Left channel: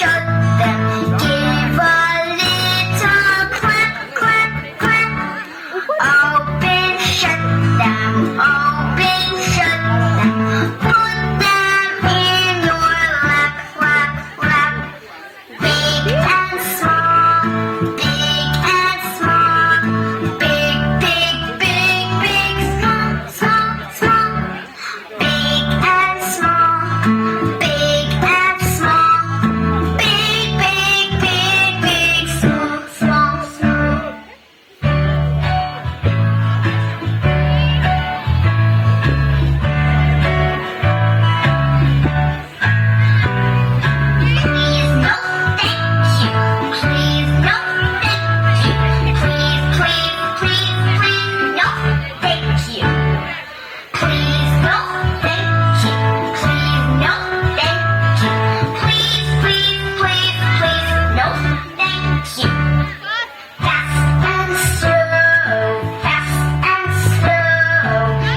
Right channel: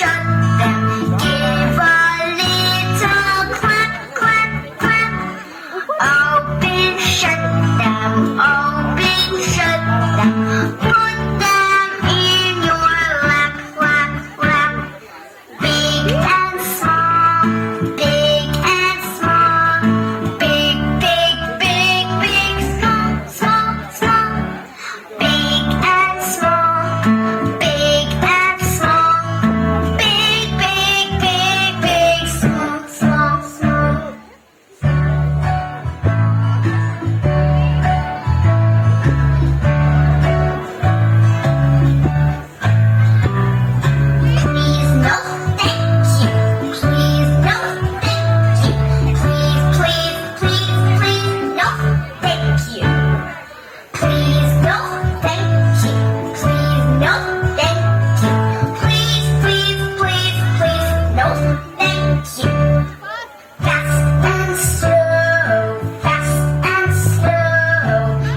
shut them. Give a little clap, clap, clap. Open, shut them. Open, shut them. Put them in your lap, lap, lap. Big and small, big and small. Big, big, big, big, small, small, small. Big and small, big and small. Big, big, big, big, small, small, small. Please no, thank you. Please no, thank you. Please, please, please, please, no, thank you. Please no, thank you. Please no, thank you. Please, please, please, please, no, thank you. Fast and slow, fast and slow.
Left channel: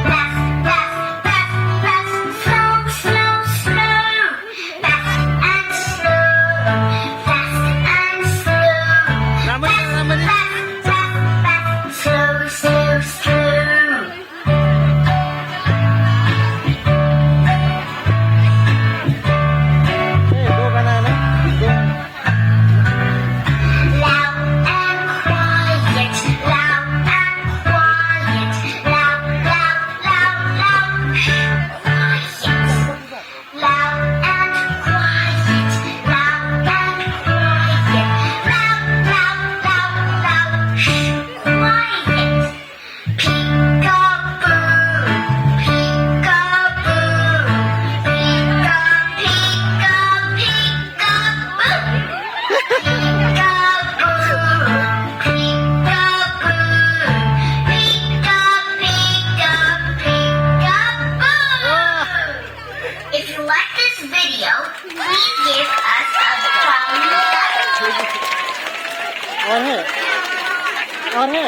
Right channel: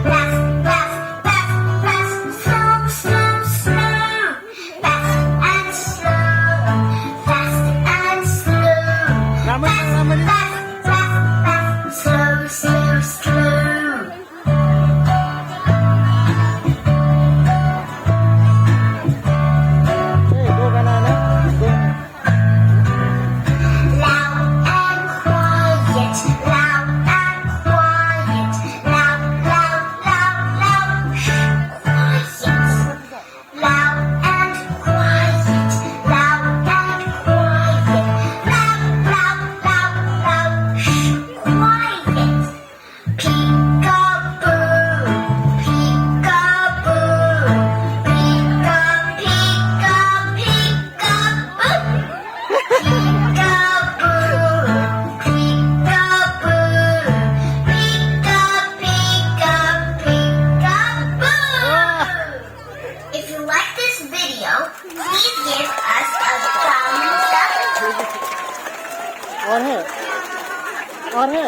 Fast, fast, fast, fast, slow, slow, slow. Fast and slow, fast and slow. Laman na, laman na. Fast, fast, fast, slow, slow, slow. Eh, go ka na, no? Go. Loud and quiet, loud and quiet, loud, loud, loud, loud, quiet. Loud and quiet, loud and quiet, loud, loud, loud, loud, quiet. Peek-a-boo, peek-a-boo, peek-a, peek-a, peek-a-boo. If you like this video, please give us a thumbs up. और है और है